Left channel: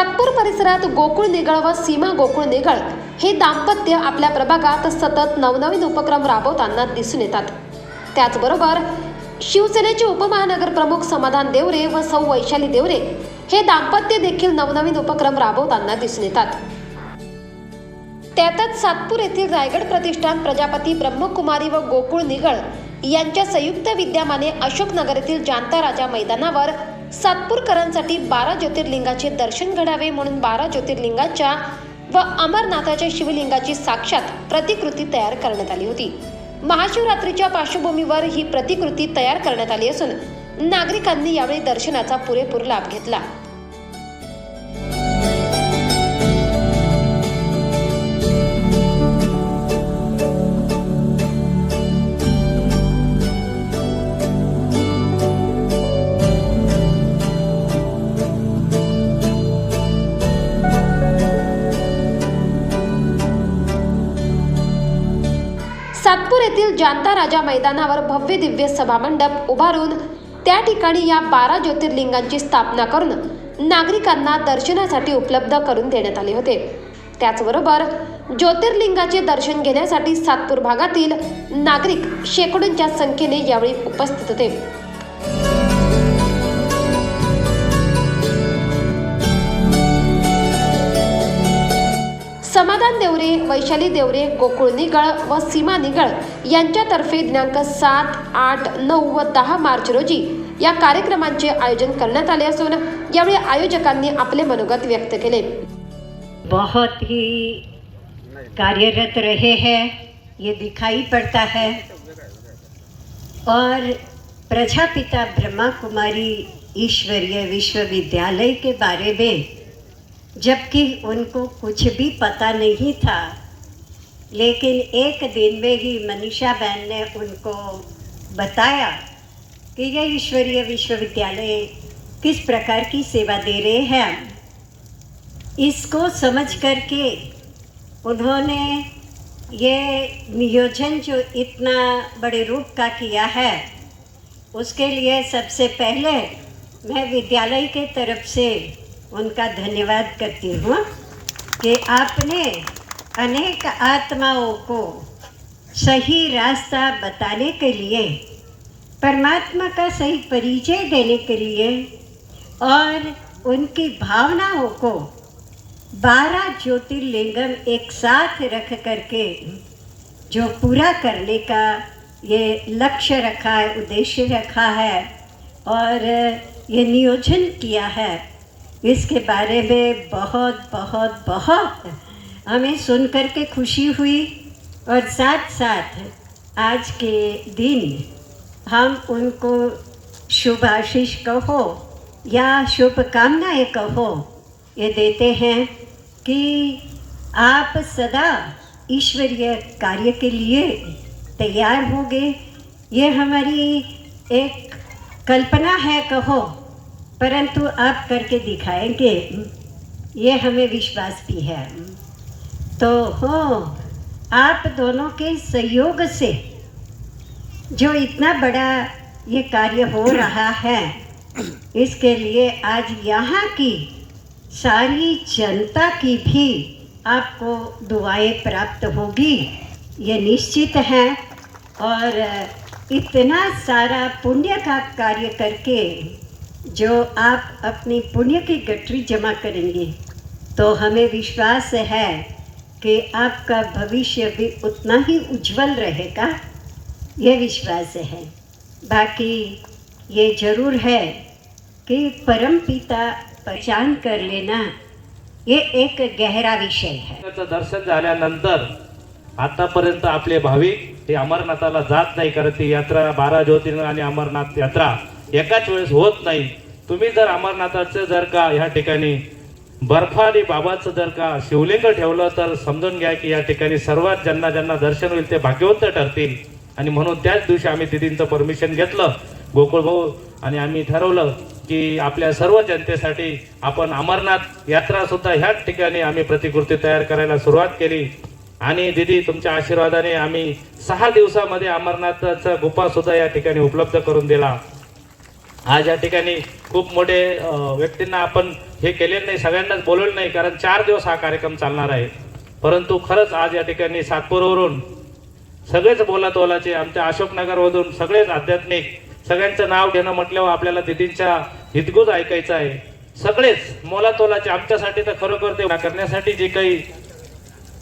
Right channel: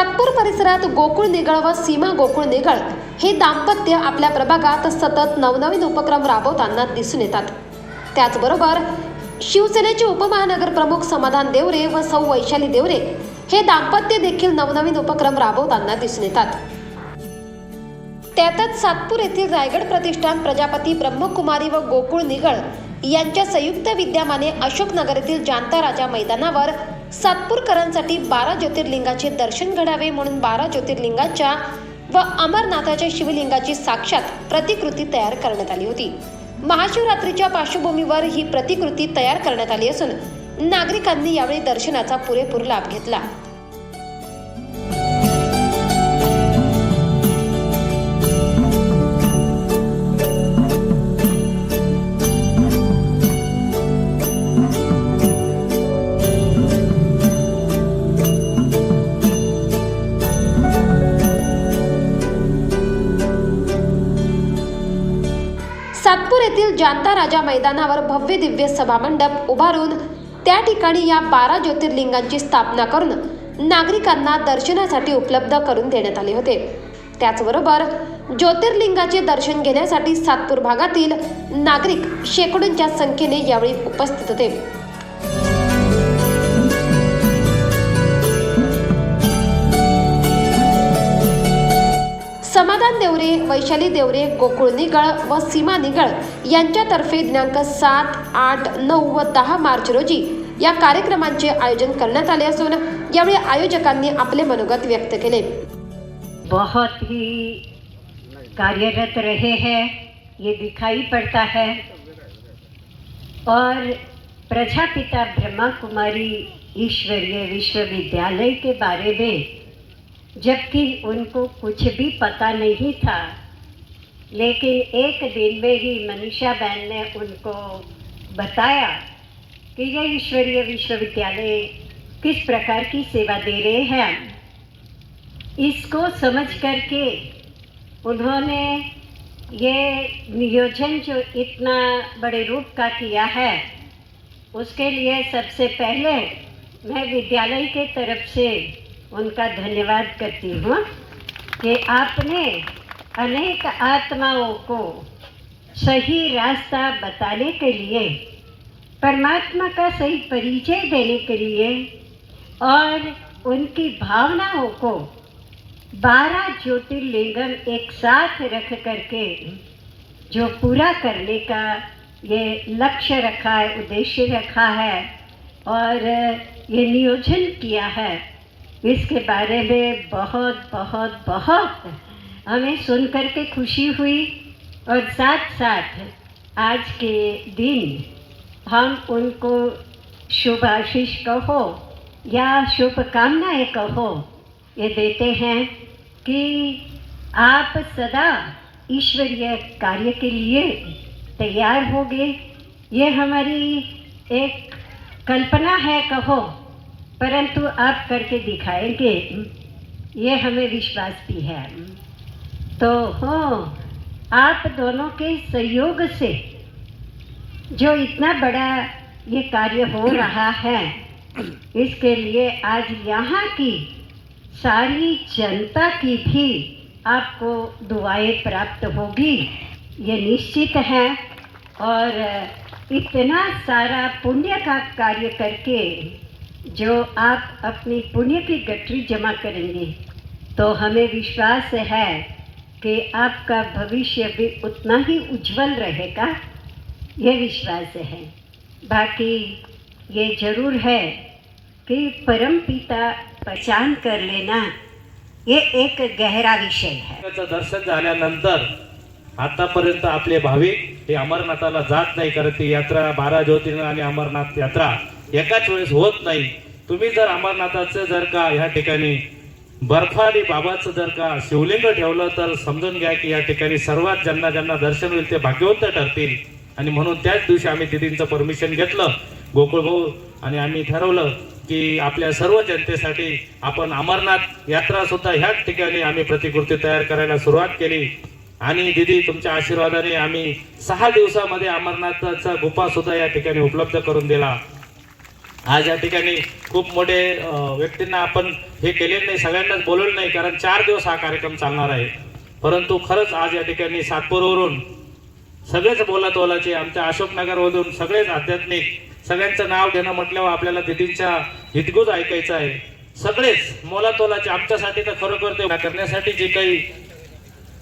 सातपूर परिसरात गोकुळ निगळ व सीमा गोकुळ निगळ हे दाम्पत्य आपल्या प्रभागात सतत नवनवीन उपक्रम राबवताना दिसून येतात. त्याचबरोबर शिवसेनेचे उपमहानगर प्रमुख समाधान देवरे व सौ वैशाली देवरे हे दाम्पत्य देखील नवनवीन उपक्रम राबवताना दिसून येतात. त्यातच सातपूर येथील रायगड प्रतिष्ठान प्रजापती ब्रह्मकुमारी व गोकुळ निगळ यांच्या संयुक्त विद्यमाने अशोकनगर येथील जांता राजा मैदानावर सातपूरकरांसाठी बारा ज्योतिर्लिंगाचे दर्शन घडावे म्हणून बारा ज्योतिर्लिंगाच्या व अमरनाथाच्या शिवलिंगाची साक्षात प्रतिकृती तयार करण्यात आली होती. महाशिवरात्रीच्या पार्श्वभूमीवर ही प्रतिकृती तयार करण्यात आली असून नागरिकांनी यावेळी दर्शनाचा पुरेपूर लाभ घेतला. सातपूर येथील जांता राजा मैदानावर भव्य दिव्य सभामंडप उभारून त्या ठिकाणी या बारा ज्योतिर्लिंगांची स्थापना करून नागरिकांना दर्शनासाठी उपलब्ध करून देण्यात आले होते. त्याचबरोबर ज्योतिर्लिंगाचे दर्शन घेण्यासाठी सातपूर भागातील नागरिक शेकडोंच्या संख्येने यावेळी उपस्थित होते. समाधान देवरे वैशाली देवरे गोकुळ निगळ व सीमा निगळ यांच्यातर्फे दिनांक सात आठ नऊ व दहा मार्च रोजी या कार्यक्रमांचे आयोजन करण्यात आले असून यावेळी आयोजकांनी आपले मनोगत व्यक्त केले. बहुत ही कार्यरत रहे हैं ये दिखाई पड़ता है। और प्रजापिता ब्रह्मा कुमारी ईश्वरीय विश्वविद्यालय के बारे में जबकि उनको कुछ भी पता नहीं था। लेकिन एक दिन में ही मनीषा बहन ने उनको बताया कि यह ईश्वरीय विश्वविद्यालय किस प्रकार की सेवा दे रहे हैं। इसको समझ करके उन्होंने ये नियोजन जो इतना बड़े रूप का किया है, उसके लिए सबसे पहले मैं विद्यालय के तरफ़ से उनका धन्यवाद करती हूँ कि आपने अनेक आत्माओं को सही रास्ता बताने के लिए, परमात्मा का सही परिचय देने के लिए और उनकी भावनाओं को बारह ज्योतिर्लिंगम एक साथ रख करके जो पूरा करने का ये लक्ष्य रखा है, उद्देश्य रखा है और ये नियोजन किया है इसके बारे में बहुत बहुत बहुत हमें सुन कर के खुशी हुई और साथ साथ आज के दिन हम उनको शुभ आशीष कहो या शुभकामनाएँ कहो, ये देते हैं कि आप सदा ईश्वरीय कार्य के लिए तैयार होंगे। ये हमारी एक कल्पना है कहो परंतु आप करके दिखाएँगे, ये हमें विश्वास भी है। तो हो, आप दोनों के सहयोग से जो इतना बड़ा ये कार्य हो रहा है, इसके लिए आज यहाँ की सारी जनता की भी आपको दुआएँ प्राप्त होगी। ये निश्चित है। और इतना सारा पुण्य का कार्य करके जो आप अपनी पुण्य की गठरी जमा करेंगे तो हमें विश्वास है कि आपका भविष्य भी उतना ही उज्जवल रहेगा। ये विश्वास है। बाकी ये जरूर है कि परम पिता पहचान कर लेना ये एक गहरा विषय है। दर्शन झाल्यानंतर आतापर्यंत आपले भाविक हे अमरनाथाला जात नाही करत ती यात्रा बारा ज्योतिर्लिंग आणि अमरनाथ यात्रा एकाच वेळेस होत नाही. तुम्ही जर अमरनाथाचं जर का ह्या ठिकाणी बर्फानी बाबाचं जर का शिवलिंग ठेवलं तर समजून घ्या की या ठिकाणी सर्वात ज्यांना ज्यांना दर्शन होईल ते भाग्यवंत ठरतील. आणि म्हणून त्याच दिवशी आम्ही दिदींचं परमिशन घेतलं. गोकुळ भाऊ आणि आम्ही ठरवलं की आपल्या सर्व जनतेसाठी आपण अमरनाथ यात्रा सुद्धा ह्याच ठिकाणी आम्ही प्रतिकृती तयार करायला सुरुवात केली. आणि दिदी तुमच्या आशीर्वादाने आम्ही सहा दिवसामध्ये अमरनाथचा गुफा सुद्धा या ठिकाणी उपलब्ध करून दिला. आज या ठिकाणी खूप मोठे व्यक्तींना आपण हे केले नाही सगळ्यांनाच बोलवलं नाही कारण चार दिवस हा कार्यक्रम चालणार आहे. परंतु खरंच आज या ठिकाणी सातपूरवरून सगळेच बोलत ओलाचे आमच्या अशोकनगरमधून सगळेच आध्यात्मिक सगळ्यांचं नाव घेणं म्हटल्यावर आपल्याला दिदींच्या हितगुज ऐकायचं आहे. सगळेच मोलातोलाचे आमच्यासाठी तर खरोखर ते करण्यासाठी जे काही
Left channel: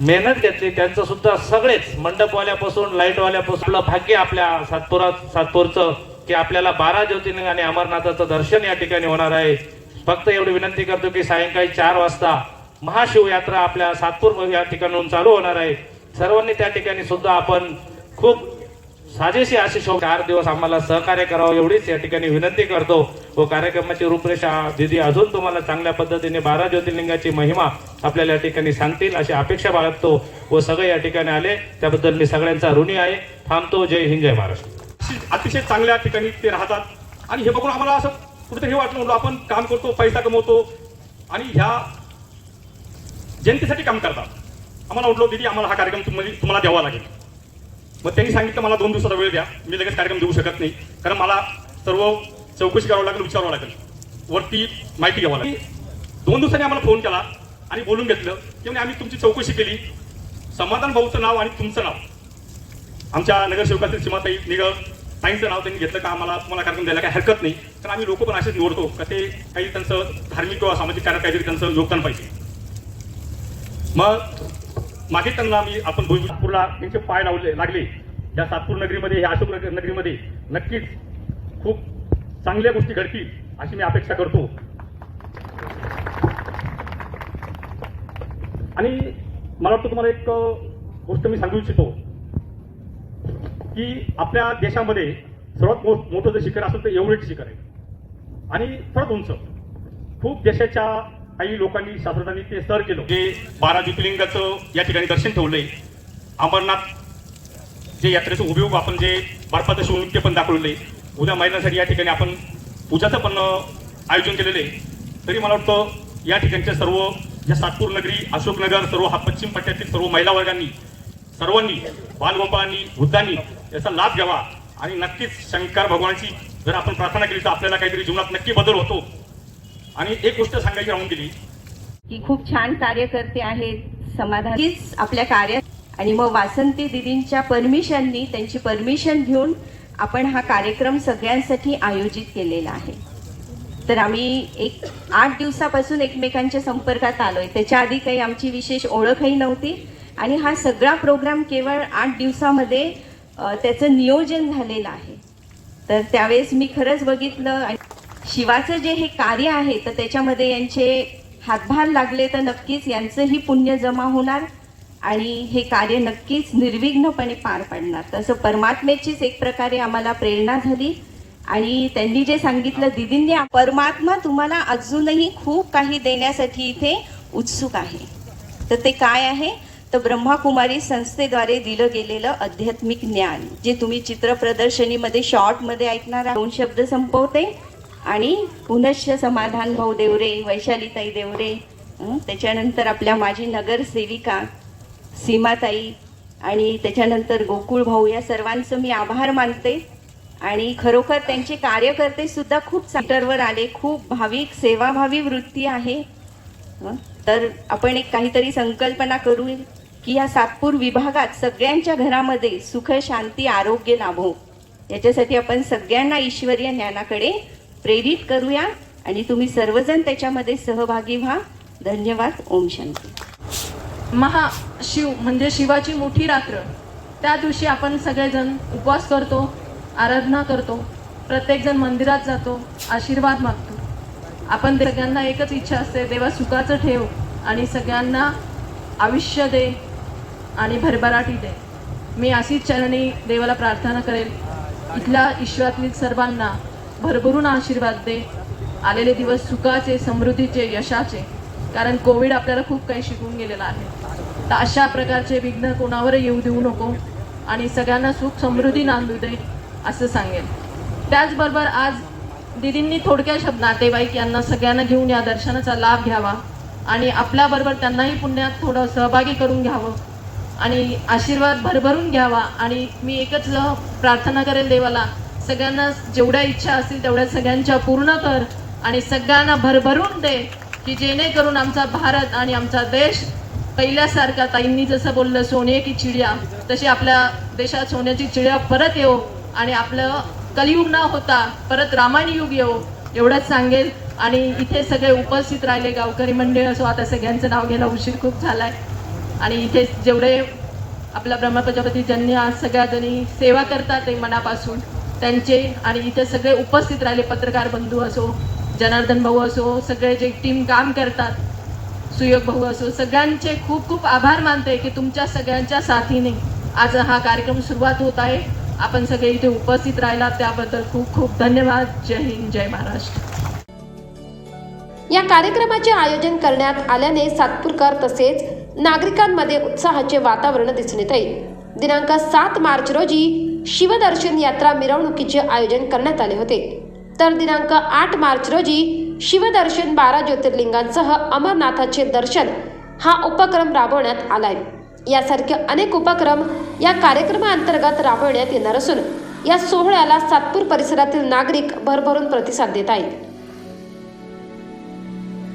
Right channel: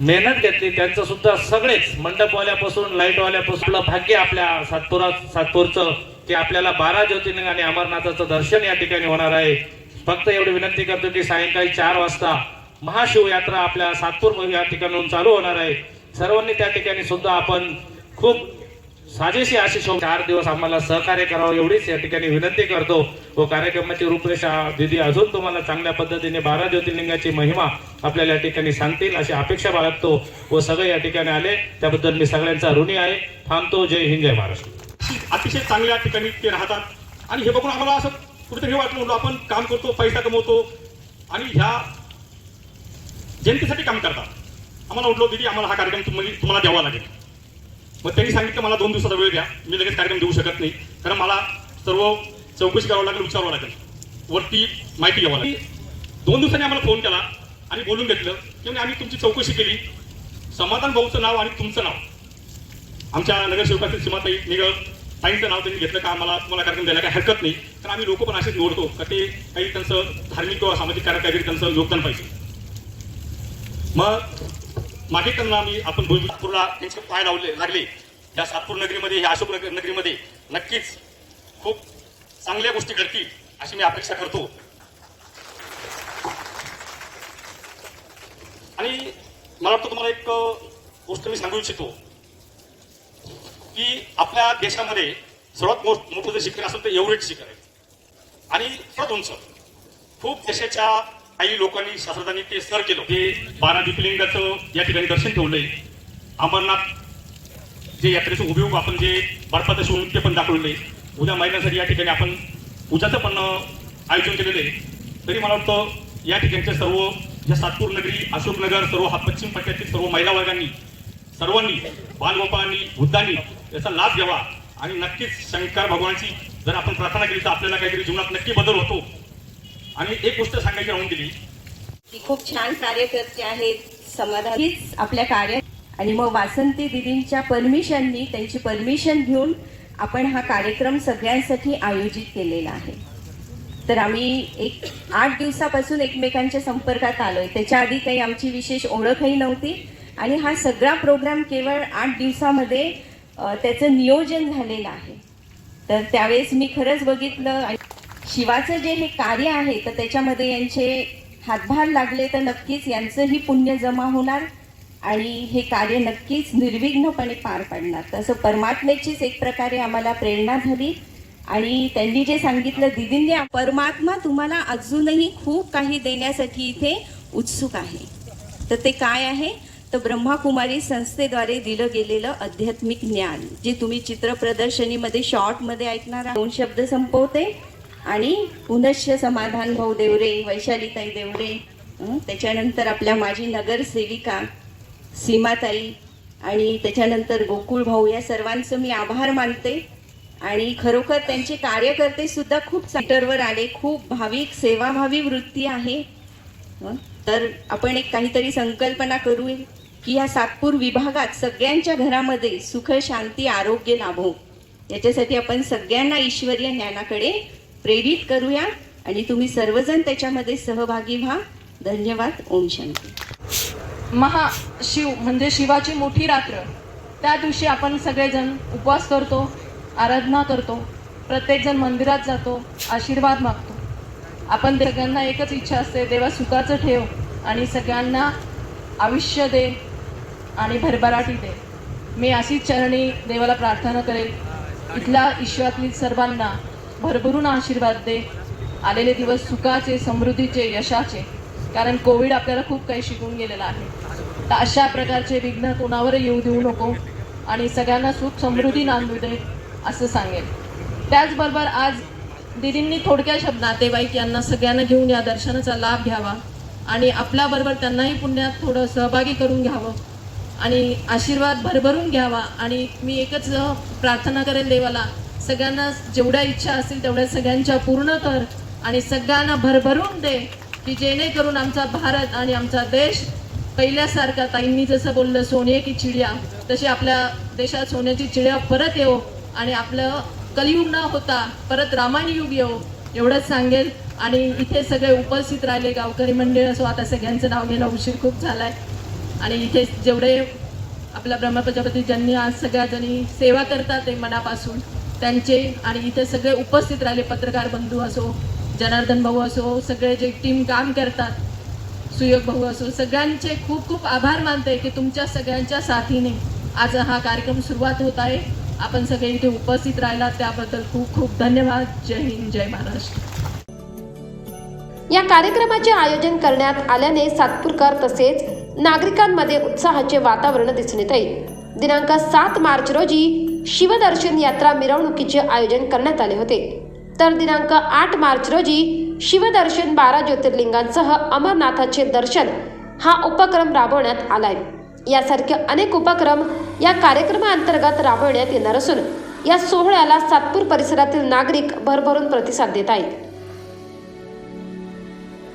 मेहनत घेतली त्यांचं सुद्धा सगळेच मंडपवाल्यापासून लाईटवाल्यापासून भाग्य आपल्या सातपुरात सातपूरचं की आपल्याला बारा ज्योतिर्लिंग आणि अमरनाथाचं दर्शन या ठिकाणी होणार आहे. फक्त एवढी विनंती करतो की सायंकाळी चार वाजता महाशिवयात्रा आपल्या सातपूर या ठिकाणून चालू होणार आहे. सर्वांनी त्या ठिकाणी सुद्धा आपण खूप साजेशी अशी चार दिवस आम्हाला सहकार्य करावं एवढीच या ठिकाणी विनंती करतो. व कार्यक्रमाची रूपरेषा दिदी अजून तुम्हाला चांगल्या पद्धतीने बारा ज्योतिर्लिंगाची महिमा आपल्याला या ठिकाणी सांगतील अशी अपेक्षा बाळगतो. व सगळे या ठिकाणी आले. त्याबद्दल मी सगळ्यांचा ऋणी आहे. थांबतो. जय हिंद जय महाराष्ट्र. अतिशय चांगल्या ठिकाणी ते राहतात. आणि हे बघून आम्हाला असं कुठेतरी वाटलं होतं आपण काम करतो पैसा कमवतो. आणि ह्या जनतेसाठी काम करतात. आम्हाला म्हटलं दिदी आम्हाला हा कार्यक्रम तुम्हाला तुम्हाला द्यावा लागेल. मग त्यांनी सांगितलं मला दोन दिवसाचा वेळ द्या. मी लगेच कार्यक्रम देऊ शकत नाही. कारण मला सर्व चौकशी करावं लागेल विचारावं लागेल. वरती माहिती घ्यावं लागेल. दोन दिवसांनी आम्हाला फोन केला आणि बोलून घेतलं. की म्हणे आम्ही तुमची चौकशी केली. समाधान भाऊचं नाव आणि तुमचं नाव. आमच्या नगरसेवकातील सीमाताई निगळ साईंचं नाव त्यांनी घेतलं का आम्हाला तुम्हाला कार्यक्रम द्यायला काही हरकत नाही. तर आम्ही लोक पण असेच निवडतो. का ते काही त्यांचं धार्मिक किंवा सामाजिक कार्य काहीतरी त्यांचं योगदान पाहिजे. मग मागे त्यांना आम्ही आपण भुजपूरला त्यांचे पाय लावले लागले. या सातपूर नगरीमध्ये या अशोक नगर नगरीमध्ये नक्कीच खूप चांगल्या गोष्टी घडतील अशी मी अपेक्षा करतो. आणि मला वाटतं तुम्हाला एक गोष्ट मी सांगू इच्छितो. की आपल्या देशामध्ये सर्वात मोठं जर शिखर असेल तर एव्हरेस्ट शिखर आहे. आणि सर्वात उंच. खूप देशाच्या काही लोकांनी शास्त्रज्ञांनी ते सर केलं. जे बारा ज्योतिर्लिंगाचं या ठिकाणी दर्शन ठेवलंय. अमरनाथ जे यात्रेचं उभे आपण जे बर्फाचं ते पण दाखवले उद्या महिलांसाठी या ठिकाणी आपण पूजाचं पण आयोजन केलेलं आहे. तरी मला वाटतं या ठिकाणच्या सर्व ज्या सातपूर नगरी अशोकनगर सर्व हा पश्चिम पट्ट्यातील सर्व महिला वर्गांनी सर्वांनी बालगोपाळांनी वृद्धांनी याचा लाभ घ्यावा. आणि नक्कीच शंकर भगवानची जर आपण प्रार्थना केली तर आपल्याला काहीतरी जीवनात नक्की बदल होतो. आणि एक गोष्ट सांगायची राहून दिली की खूप छान कार्यकर्ते आहेत समाधान. हीच आपल्या कार्य. आणि मग वासंती दिदींच्या परमिशननी त्यांची परमिशन घेऊन आपण हा कार्यक्रम सगळ्यांसाठी आयोजित केलेला आहे. तर आम्ही एक आठ दिवसापासून एकमेकांच्या संपर्कात आलोय. त्याच्या आधी काही आमची विशेष ओळखही नव्हती. आणि हा सगळा प्रोग्राम केवळ आठ दिवसामध्ये त्याचं नियोजन झालेलं आहे. तर त्यावेळेस मी खरंच बघितलं आणि शिवाचं जे हे कार्य आहे तर त्याच्यामध्ये यांचे हातभार लागले तर नक्कीच यांचंही पुण्य जमा होणार आणि हे कार्य नक्कीच निर्विघ्नपणे पार पाडणार. तसं परमात्म्याचीच एक प्रकारे आम्हाला प्रेरणा झाली आणि त्यांनी जे सांगितलं दिदींनी परमात्मा तुम्हाला अजूनही खूप काही देण्यासाठी इथे उत्सुक आहे. तर ते काय आहे? तर ब्रह्माकुमारी संस्थेद्वारे दिलं गेलेलं आध्यात्मिक ज्ञान जे तुम्ही चित्र प्रदर्शनीमध्ये शॉर्टमध्ये ऐकणार दोन शब्द संपवते आणि पुनश्च समाधान भाऊ देवरे वैशालीताई देवरे त्याच्यानंतर आपल्या माजी नगरसेविका सीमाताई आणि त्याच्यानंतर गोकुळ भाऊ या सर्वांचं मी आभार मानते. आणि खरोखर त्यांचे कार्यकर्ते सुद्धा खूप सेंटरवर आले. खूप भाविक सेवाभावी वृत्ती आहे. तर आपण एक काहीतरी संकल्पना करू की या सातपूर विभागात सगळ्यांच्या घरामध्ये सुख शांती आरोग्य लाभो. याच्यासाठी आपण सगळ्यांना ईश्वरीय ज्ञानाकडे प्रेरित करूया आणि तुम्ही सर्वजण त्याच्यामध्ये सहभागी व्हा. धन्यवाद. ओम शांती. महाशिव म्हणजे शिवाची मोठी रात्र. त्या दिवशी आपण सगळेजण उपवास करतो आराधना करतो प्रत्येकजण मंदिरात जातो आशीर्वाद मागतो. आपण सगळ्यांना एकच इच्छा असते देवा सुखाचं ठेव आणि सगळ्यांना आयुष्य दे. आणि भरभराटी दे. मी अशीच चरणी देवाला प्रार्थना करेल. इथल्या ईश्वरातील सर्वांना भरभरून आशीर्वाद दे. आलेले दिवस सुखाचे समृद्धीचे यशाचे. कारण कोविड आपल्याला खूप काही शिकून गेलेलं आहे. तर अशा प्रकारचे विघ्न कोणावर येऊ देऊ नको आणि सगळ्यांना सुख समृद्धी नांदू दे असं सांगेल. त्याचबरोबर आज दिदींनी थोडक्या शब्द नातेवाईक यांना सगळ्यांना घेऊन या दर्शनाचा लाभ घ्यावा आणि आपल्याबरोबर त्यांनाही पुण्यात थोडं सहभागी करून घ्यावं. आणि आशीर्वाद भरभरून घ्यावा. आणि मी एकच प्रार्थना करेल देवाला सगळ्यांना जेवढ्या इच्छा असतील तेवढ्या सगळ्यांच्या पूर्ण कर आणि सगळ्यांना भरभरून दे की जेणेकरून आमचा भारत आणि आमचा देश पहिल्यासारखा ताईंनी जसं बोललं सोने की तशी आपल्या देशात सोन्याची चिड्या परत येऊ आणि आपलं कलियुग न होता परत रामायण युग येऊ एवढंच सांगेल. आणि इथे सगळे उपस्थित राहिले गावकरी मंडळ असो आता सगळ्यांचं नाव घ्यायला उशीर खूप झालाय. आणि इथे जेवढे आपला ब्रह्मप्रजापती ज्यांनी आज सगळ्या जणी सेवा करतात ते मनापासून त्यांचे आणि इथे सगळे उपस्थित राहिले पत्रकार बंधू असो जनार्दन भाऊ असो सगळे जे टीम काम करतात सुयोग भाऊ असो सगळ्यांचे खूप खूप आभार मानते की तुमच्या सगळ्यांच्या साथीने आज हा कार्यक्रम सुरुवात होत आहे. आपण सगळे इथे उपस्थित राहिला त्याबद्दल खूप खूप धन्यवाद. जय हिंद जय महाराष्ट्र. या कार्यक्रमाचे आयोजन करण्यात आल्याने सातपूरकर तसेच नागरिकांमध्ये उत्साहाचे वातावरण दिसून येत आहे. दिनांक सात मार्च रोजी शिवदर्शन यात्रा मिरवणुकीचे आयोजन करण्यात आले होते. तर दिनांक आठ मार्च रोजी शिवदर्शन बारा ज्योतिर्लिंगांसह अमरनाथाचे दर्शन हा उपक्रम राबवण्यात आलाय. यासारखे अनेक उपक्रम या कार्यक्रमाअंतर्गत राबवण्यात येणार असून या सोहळ्याला सातपूर परिसरातील नागरिक भरभरून प्रतिसाद देत आहेत.